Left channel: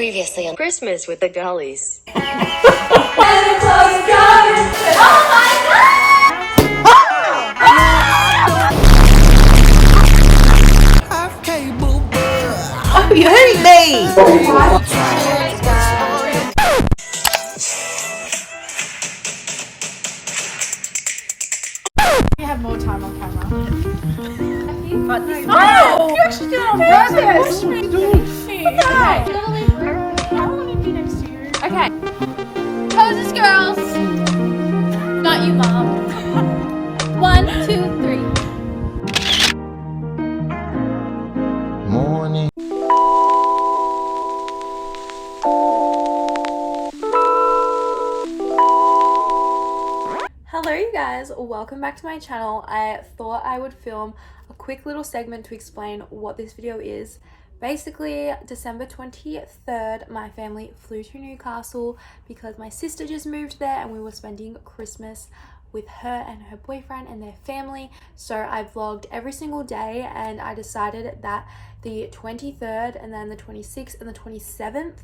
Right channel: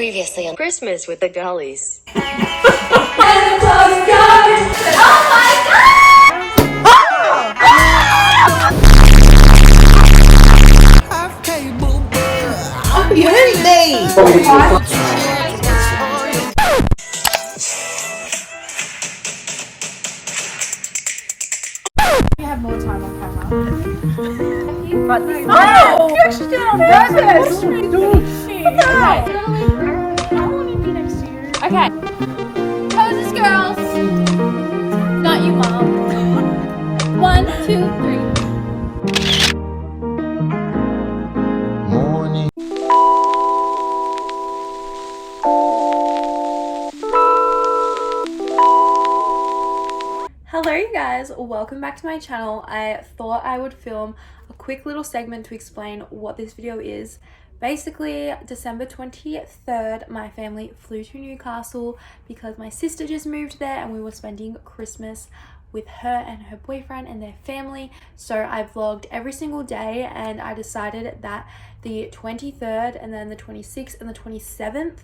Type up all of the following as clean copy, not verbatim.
Previously on Christmas with the Dollies. Oh my Oh, you hate me! You have more time on camera. But this Oh! You actually did it on purpose! What the hell? I want to be next to you. Okay. Poses, girls! Not you, Mom. 1, 2, 3. Morning. Hello you guys, welcome back to my channel. I thought I would film a quick little segment to explain what this video is. Basically, December 23rd, my family flew to Newcastle because my sister just moved there and we were spending Christmas with her and her boyfriend and their family. So I vlogged every single day and I decided that the 23rd and then the 26th and the 27th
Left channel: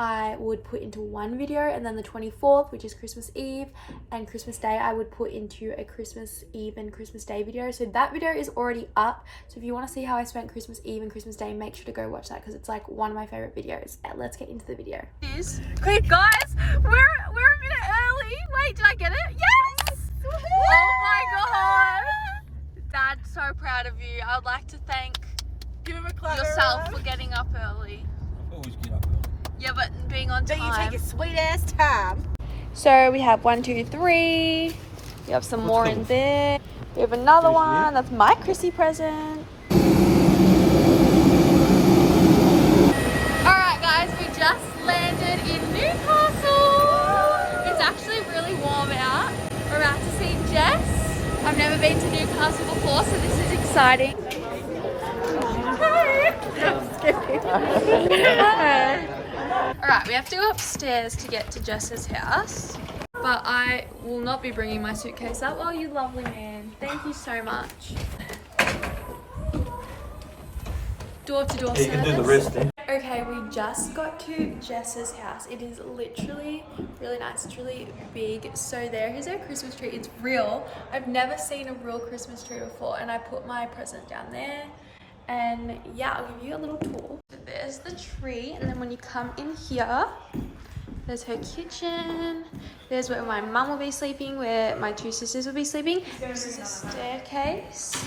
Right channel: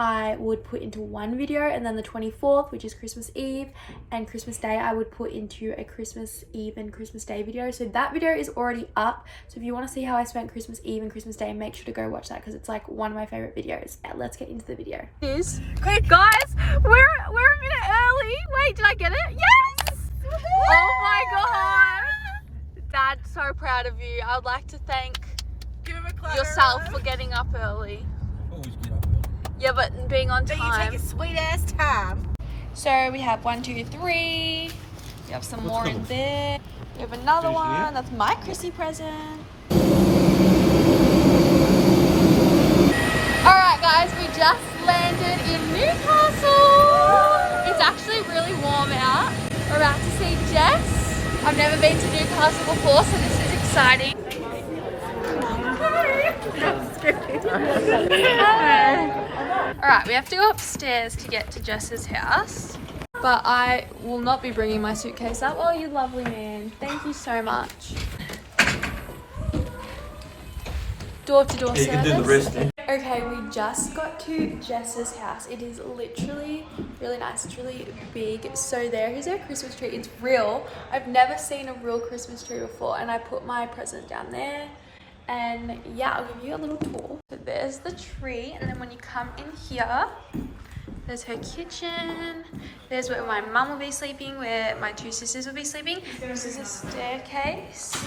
I would put into one video, and then the 24th, which is Christmas Eve, and Christmas Day, I would put into a Christmas Eve and Christmas Day video. So that video is already up. So if you want to see how I spent Christmas Eve and Christmas Day, make sure to go watch that because it's like one of my favorite videos. Let's get into the video. Okay, guys, we're a minute early. Wait, did I get it? Yes! Oh my god! Dad, so proud of you. I would like to thank yourself for getting up early. Always get up early. Yeah, but being on time. you take a sweet ass time. So we have 1, 2, 3. We have some more in there. We have another one. That's my Chrissy present. Alright guys, we just landed in Newcastle. It's actually really warm out. We're about to see Jess. I've never been to Newcastle before, so this is exciting. Alright, we have to go upstairs to get to Jess's house. But I will not be bringing my suitcase up. Oh, you lovely man. Thank you so much. Door-to-door service. You can do the rest then. Okay, we just got to Jess's house. It is literally really nice. It's really big. So there is our Christmas tree. It's real. I've never seen a real Christmas tree before, and I put my present down there. And yeah, I'll give you a little tour. So there's the tree, and then when you come in here, there's her kitchen. There's where my mum will be sleeping, where my two sisters will be sleeping. This is a staircase.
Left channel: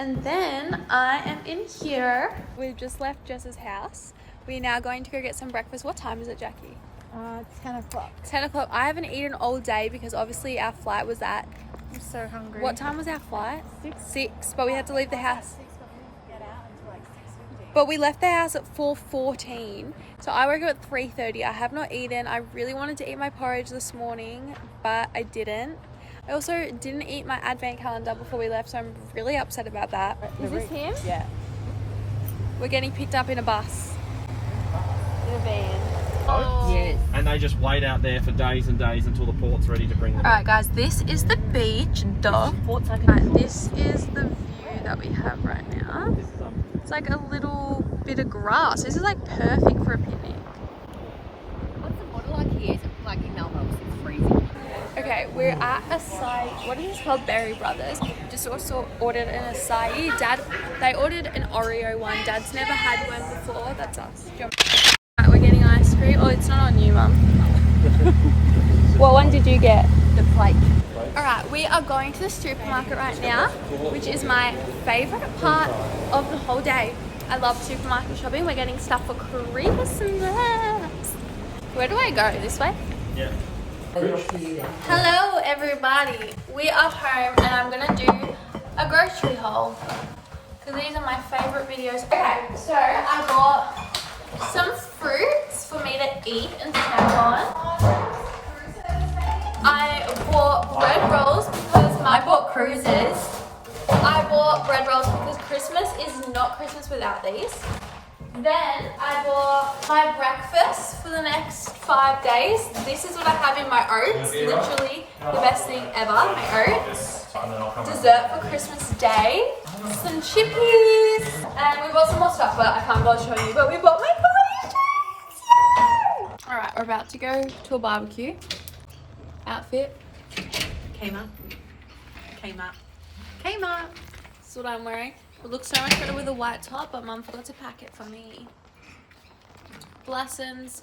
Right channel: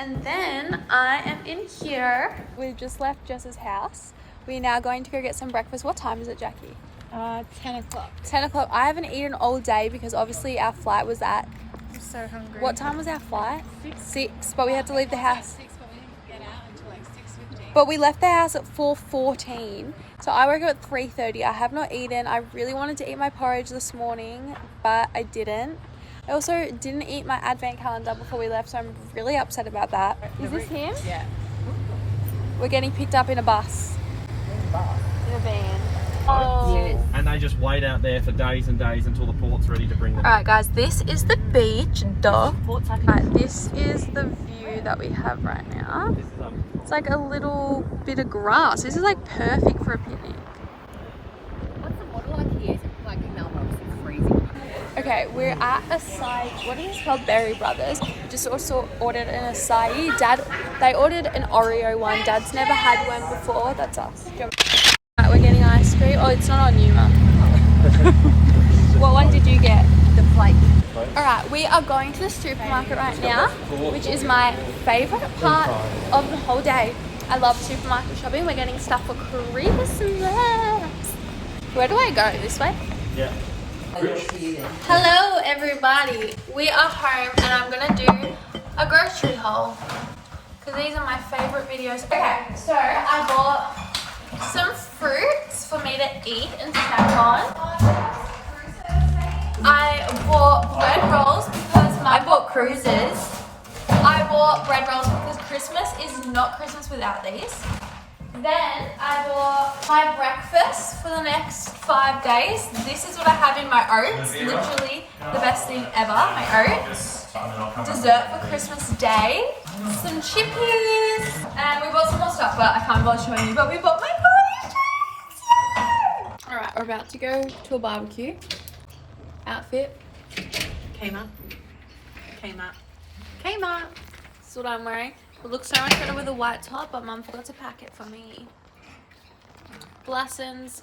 And then I am in here. We've just left Jess's house. We're now going to go get some breakfast. What time is it, Jackie? 10 o'clock. 10 o'clock. I haven't eaten all day because obviously our flight was at... I'm so hungry. What time was our flight? 6, but we had to leave the house. 6, but we didn't get out until like 6:50. But we left the house at 4:14. So I woke up at 3:30. I have not eaten. I really wanted to eat my porridge this morning, but I didn't. I also didn't eat my advent calendar before we left, so I'm really upset about that. Is this him? Yeah. We're getting picked up in a bus. In a van. Oh. Yes. And they just wait out there for days and days until the port's ready to bring them. Alright guys, this is the beach. Duh. Port's like Right, this is the view that we have right now. It's like a little bit of grass. This is like perfect for a picnic. What's the model like here? Is it like in Melbourne? It's freezing. Okay, we're at acai. What is it called? Berry Brothers. Just also ordered an acai. They ordered an Oreo one. Dad's never had one before. That's us. Right, we're getting ice cream. Oh, it's not on you, Mum. What one did you get? The plate. Alright, we are going to the supermarket right now, which is my favourite part of the whole day. I love supermarket shopping. We're getting stuff for Christmas. Where do I go? This way? Yeah. Hello everybody, we are home and I'm gonna do a grocery haul because these are my favorite videos. Okay, so I bought some fruits for me to eat and snack on. I bought bread rolls because I bought cruises. I bought bread rolls because Christmas is not Christmas without these. Then I bought my breakfast for the next 5 days. This is what I have in my oats. Literally the best thing ever, my oats. Dessert for Christmas Day. Some chippies. And we bought some more stuff, but I can't bother showing you. But we bought my holiday shirts. We're about to go to a barbecue. Outfit. Kmart. That's what I'm wearing. It looks so much better with a white top, but Mum forgot to pack it for me. Glassons.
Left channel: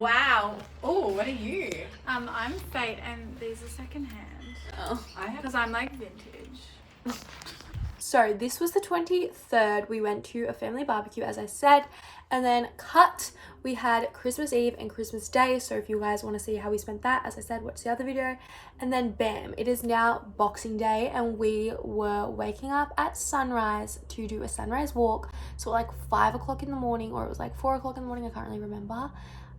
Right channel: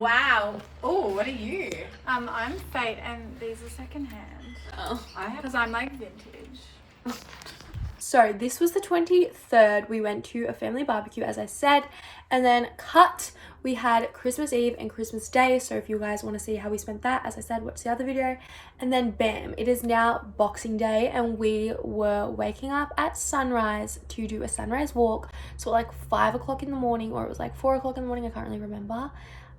Wow. Oh, what are you? I'm Fate and these are secondhand. Oh. Because I'm like vintage. So this was the 23rd. We went to a family barbecue, as I said, and then we had Christmas Eve and Christmas Day. So if you guys want to see how we spent that, as I said, watch the other video. And then bam, it is now Boxing Day, and we were waking up at sunrise to do a sunrise walk. So like 5 o'clock in the morning, or it was like 4 o'clock in the morning, I can't really remember,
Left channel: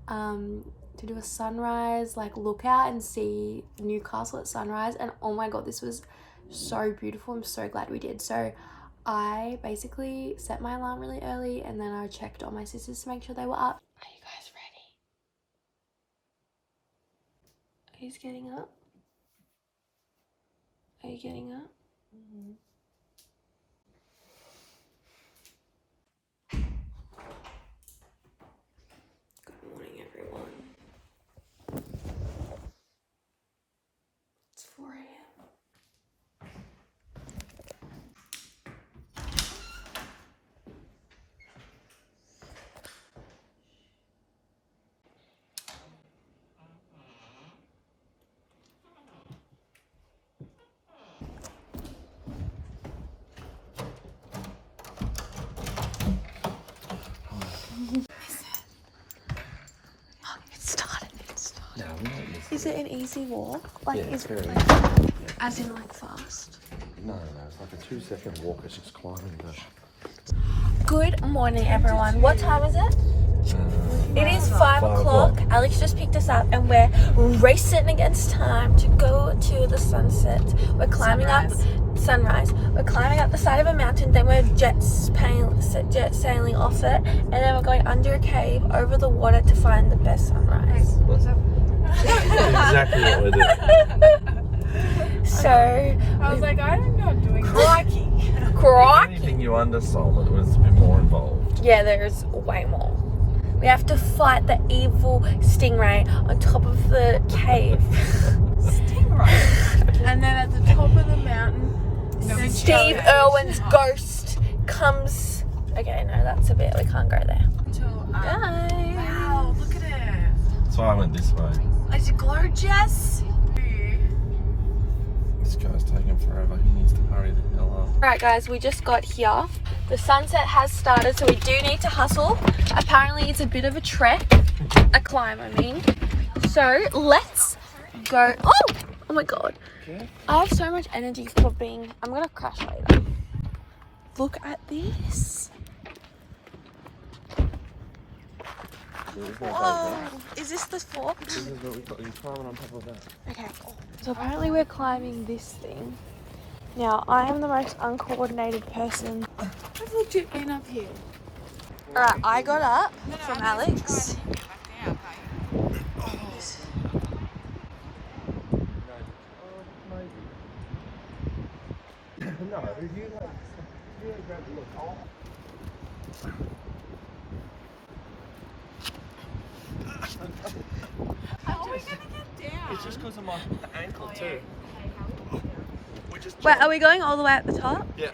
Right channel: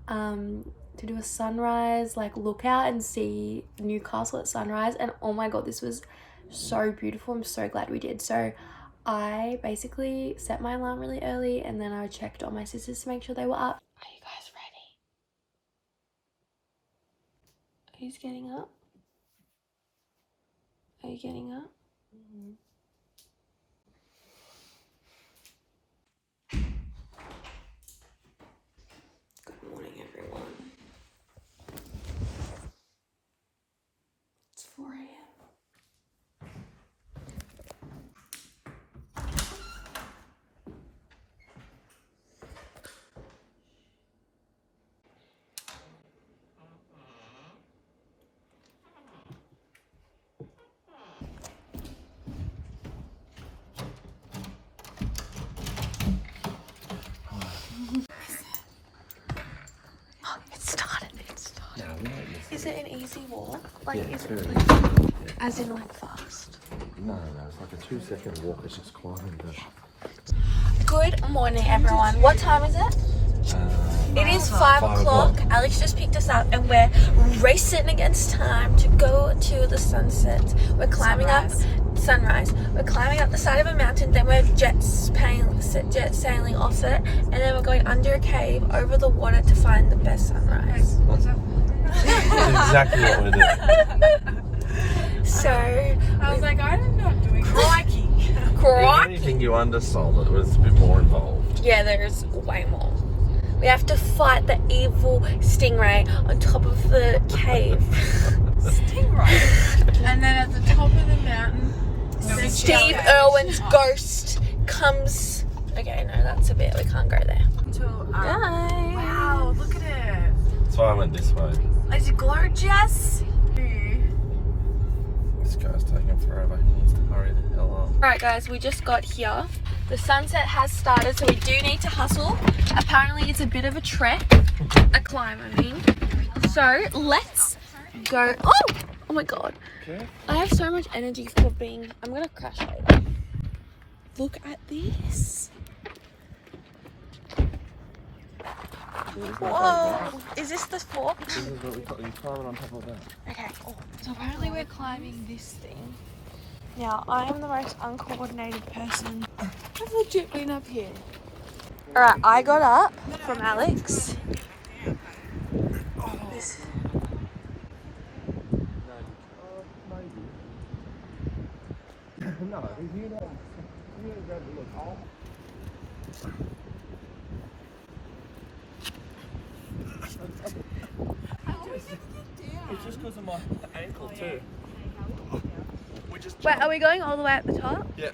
to do a sunrise like lookout and see Newcastle at sunrise. And oh my god, this was so beautiful. I'm so glad we did. So I basically set my alarm really early, and then I checked on my sisters to make sure they were up. Are you guys ready? Who's getting up? Are you getting up? Mm-hmm. Good morning, everyone. It's 4 a.m. Is it an easy walk? Like, is it like, as in like fast? No, it's like a 2-second walk. It's just climbing the... Good morning, everyone. What time is it? It is 5 o'clock. Alex just picked us up and we're racing against time to go to the sunset. We're climbing sunrise. We're climbing up the side of a mountain, then we're jet sailing off it, and then we're going under a cave over the water to find the best sunrise. Exactly what we're doing. So I was like, I'm not doing crikey. Anything you undersold, it was a bit more involved. Yeah, there's way more. We have to fight the evil stingray on top of the cave. Stingray. And then at the top of the mountain, Steve Irwin's ghost comes. Okay, no, that's a bit. We can't go there. Guys. Wow, look at it. So I went this way. Is it gorgeous? This guy's taking forever. He needs to hurry the hell up. Alright guys, we just got here. The sunset has started, so we do need to hustle. Apparently it's a bit of a trek. A climb, I mean. So let's go. Oh my god. Okay. I have so much energy for being... I'm gonna crash over. Look at this. Whoa. Is this the fork? This is what we got. You climb on top of that. Okay. So apparently we're climbing this thing. Now, I am the most uncoordinated person. I've legit been up here. Alright, I got up from Alex. It's just because of my ankle too. We just Wait, are we going all the way at the top? Yeah.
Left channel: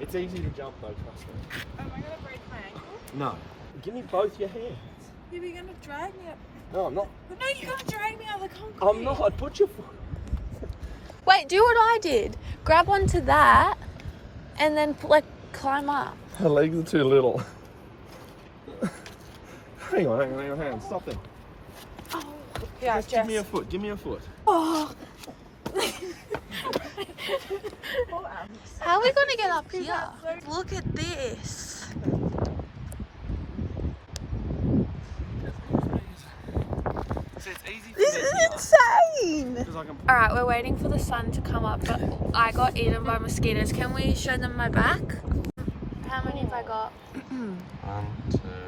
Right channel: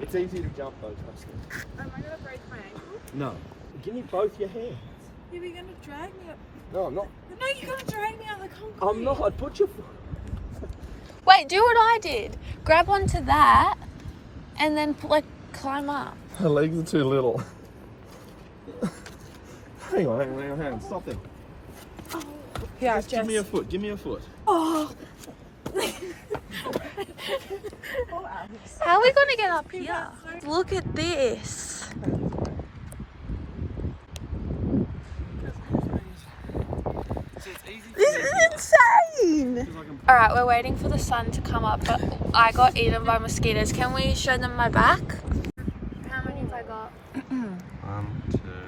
It's easy to jump though, trust me. Am I gonna break my ankle? No. Give me both your hands. You're gonna drag me up. No, I'm not. No, you're gonna drag me out of the concrete. I'm not. Put your foot. Wait, do what I did. Grab onto that and then like climb up. Her legs are too little. Hang on. Stop there. Yeah, Just give me a foot. Give me a foot. Oh. How are we gonna get up here? Look at this. This is insane. Alright, we're waiting for the sun to come up, but I got eaten by mosquitoes. Can we show them my back? How many have I got?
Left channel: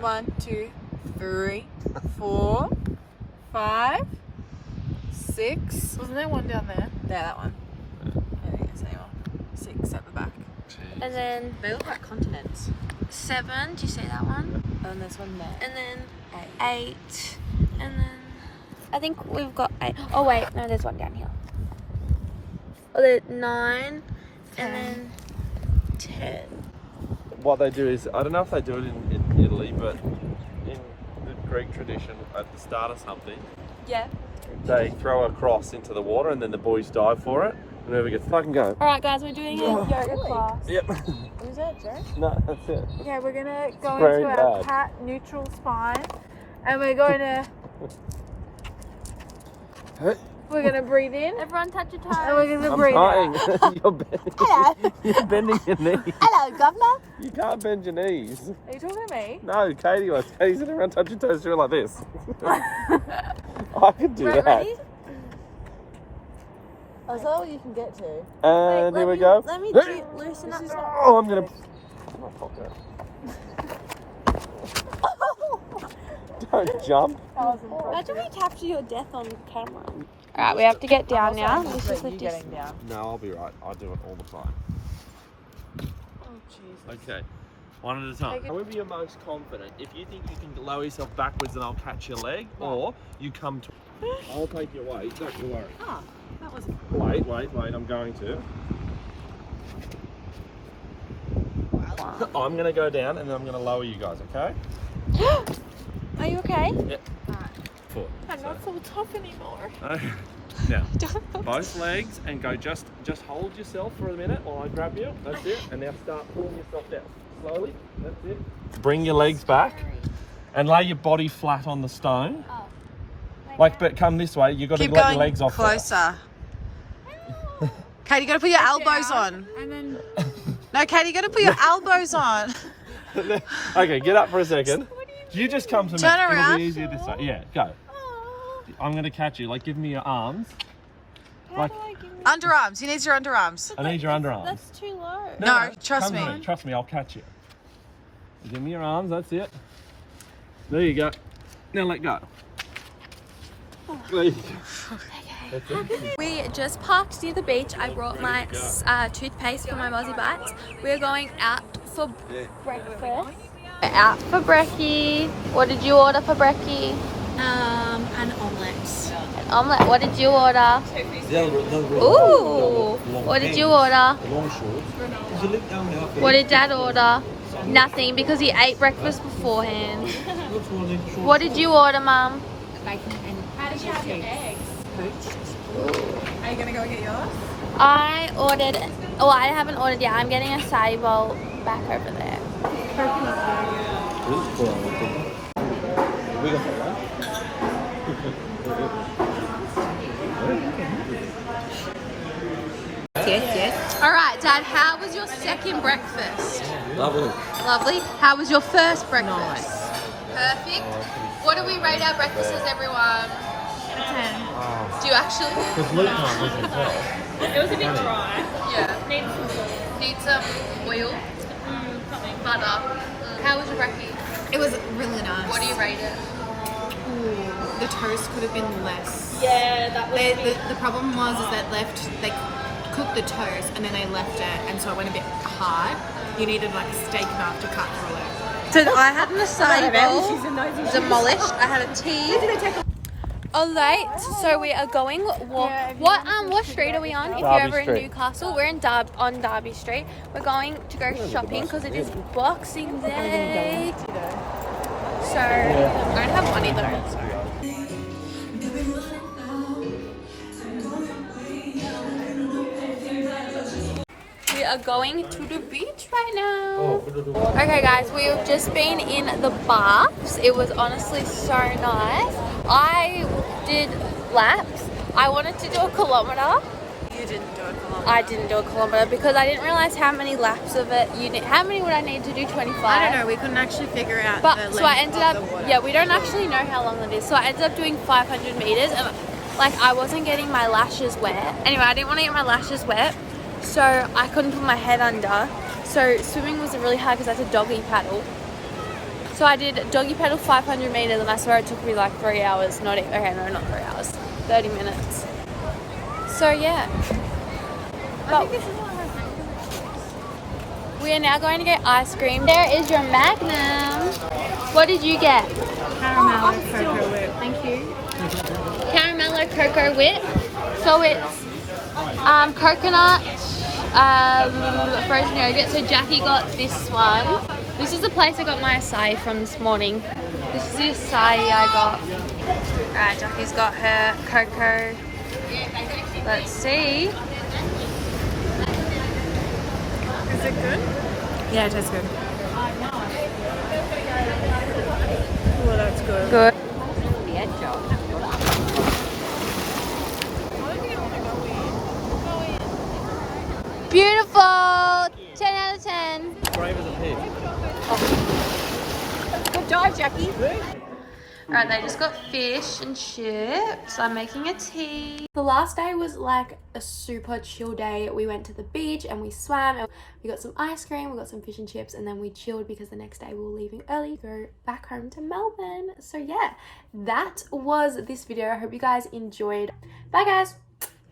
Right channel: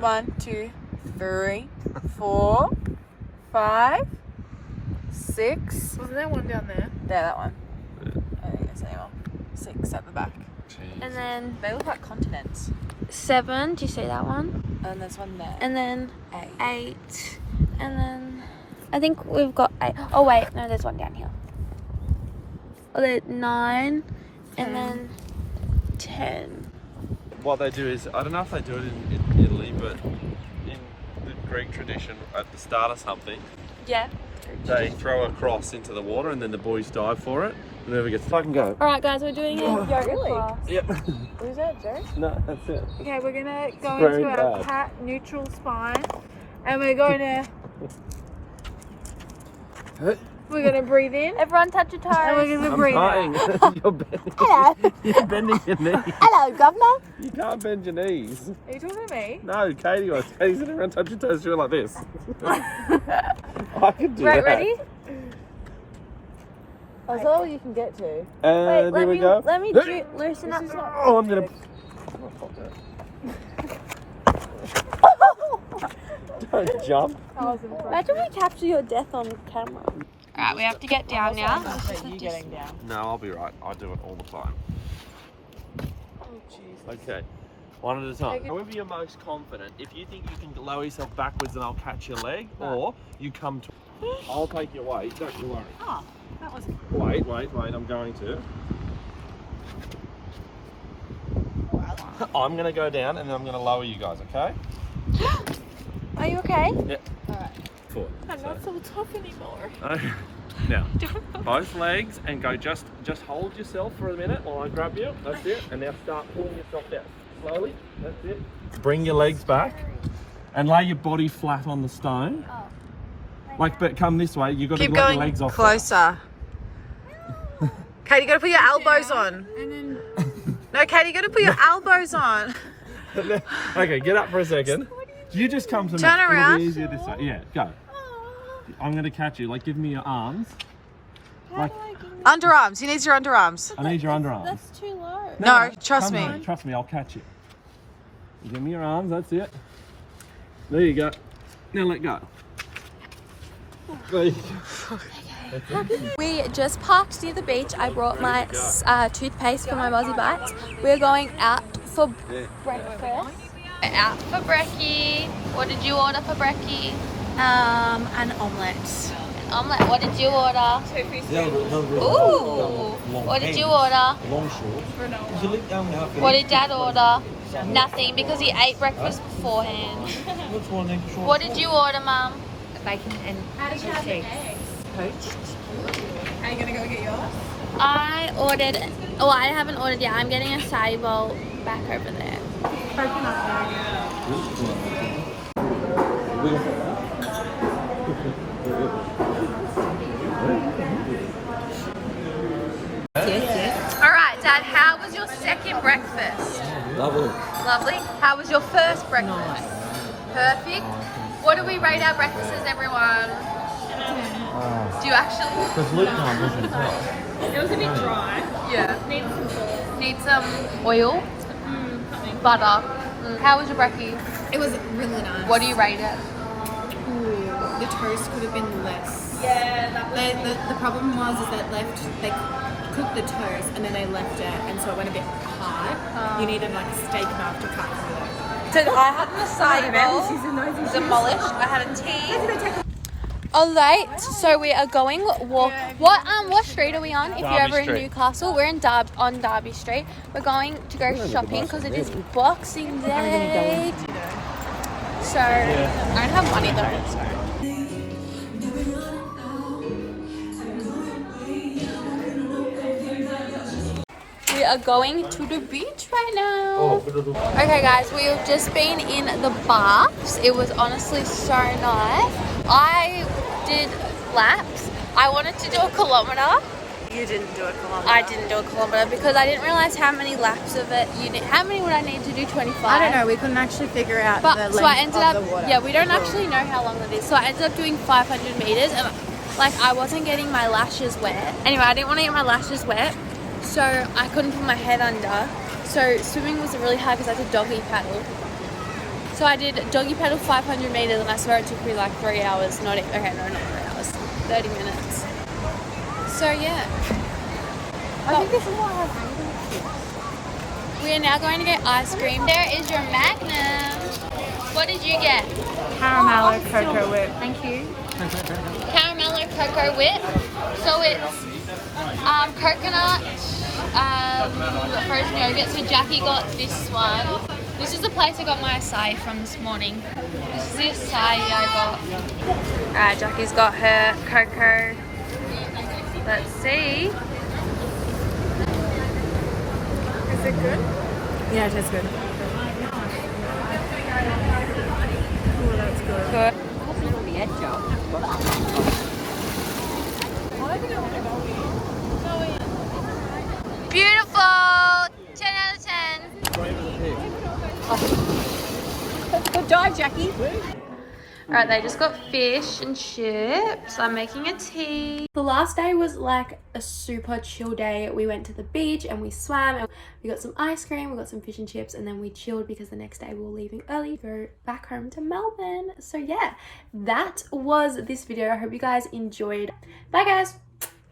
1, 2, 3, 4, 5, 6. Isn't there one down there? There, that one. I don't think there's any more. 6 at the back. And then They look like continents. 7, do you see that one? And there's one there. and then 8, and then I think we've got 8. Oh wait, no, there's one down here. Oh, there's 9, and then 10. What they do is, I don't know if they do it in Italy, but in the Greek tradition, at the start of something, Yeah. they throw a cross into the water and then the boys dive for it. Whoever gets fucking go. Alright guys, we're doing a yoga class. Yep. Who's that, Joe? No, that's it. Okay, we're gonna go Very into our bad. cat neutral spine, and we're gonna breathe in, Everyone touch your and we're toes. gonna I'm breathe out. trying. You're bending. You're bending your knees. Hello, governor. You can't bend your knees. Are you talking to me? No, Katie was. Katie's sitting around touching toes doing like this. I could do Right, that. ready? Oh, is that all you can get to? And here we go. Let me loosen up. Oh, I'm gonna. Don't jump. Imagine we capture your death on camera. Alright, we have to get down now. Let's just lift this. No, I'll be right. I do it all the time. Okay, one at a time. However you're most confident. If you think you can lower yourself backwards and I'll catch your leg, or you come to... I'll take your weight, don't you worry. Oh, that was. Wait, I'm going to. I'm going to go down and then I'm going to lower you guys, okay? Are you okay? Yep. Alright. Forward. I'm not so tough anymore. Now, both legs, and go just hold yourself for a minute while I grab you. That's it. And now start pulling yourself down. Slowly. That's it. Bring your legs back and lay your body flat on the stone. Like, but come this way. You've got to let your legs off. Closer. Katie, you got to put your elbows on. And then No, Katie, you got to put your elbows on. Okay, get up for a second. You just come to me. Turn It'll around. be easier this way. Yeah, go. I'm going to catch you. Like, give me your arms. Like, Underarms. He needs your underarms. I need your underarms. That's too low. No, trust come me. here. Trust me, I'll catch you. Give me your arms, that's it. There you go. Now let go. There you go. We just parked near the beach. I brought my toothpaste for my Mozzie Bites. We're going out for breakfast. We're out for brekkie. What did you order for brekkie? An omelette. An omelette. What did you order? Ooh. What did you order? What did Dad order? Nothing, because he ate breakfast beforehand. What did you order, Mum? Bacon and cheese. Poached. are you gonna go get yours? I ordered. Oh, I haven't ordered yet. I'm getting a acai bowl back over there. Yes. All right, Dad. How was your second breakfast? Lovely. Lovely. How was your first breakfast? Nice. Perfect. What do we rate our breakfasts, everyone? 10. Do you actually? It was a bit dry. Yeah. Need some sauce. Need some oil, Something. butter. How was your brekkie? It was really nice. What do you rate it? Ooh, the toast could have been less. Yeah, that was. The problem was is that they cooked the toast and then they left it, and so it went a bit hard. You needed like a steak knife to cut through it. So I had an acai bowl, demolished. I had a tea. Alright, so we are going walk. What street are we on? If you're ever in Street. Newcastle, we're in on Derby Street. We're going to go shopping because it is Boxing Day. So I don't have money though. So. We are going to the beach right now. Okay guys, we've just been in the baths. It was honestly so nice. I did laps. I wanted to do a kilometer. You didn't do a kilometre. I didn't do a kilometer because I didn't realize how many laps of it you need. How many would I need to do? 25? I don't know. We couldn't actually figure out But the length so I ended of up, the water. yeah, we don't actually know how long it is. So I ended up doing 500 meters and like I wasn't getting my lashes wet. Anyway, I didn't want to get my lashes wet, so I couldn't put my head under. So swimming was really hard because I had to doggy paddle. So I did doggy paddle 500 meters and I swear it took me like 3 hours. Not 3 hours, 30 minutes. So yeah. But we are now going to get ice cream. There is your Magnum. What did you get? Caramel cocoa whip. Thank you. Caramello cocoa whip. So it's coconut, frozen yogurt. So Jackie got this one. This is the place I got my acai from this morning. This is the acai I got. Alright, Jackie's got her cocoa. Let's see. Is it good? Yeah, it tastes good. Oh, that's good. Good. Beautiful. 10 out of 10. Die, Jackie. Alright, they just got fish and chips. I'm making a tea. The last day was like a super chill day. We went to the beach and we swam and we got some ice cream, we got some fish and chips, and then we chilled because the next day we were leaving early to go back home to Melbourne. So yeah, that was this video. I hope you guys enjoyed. Bye guys.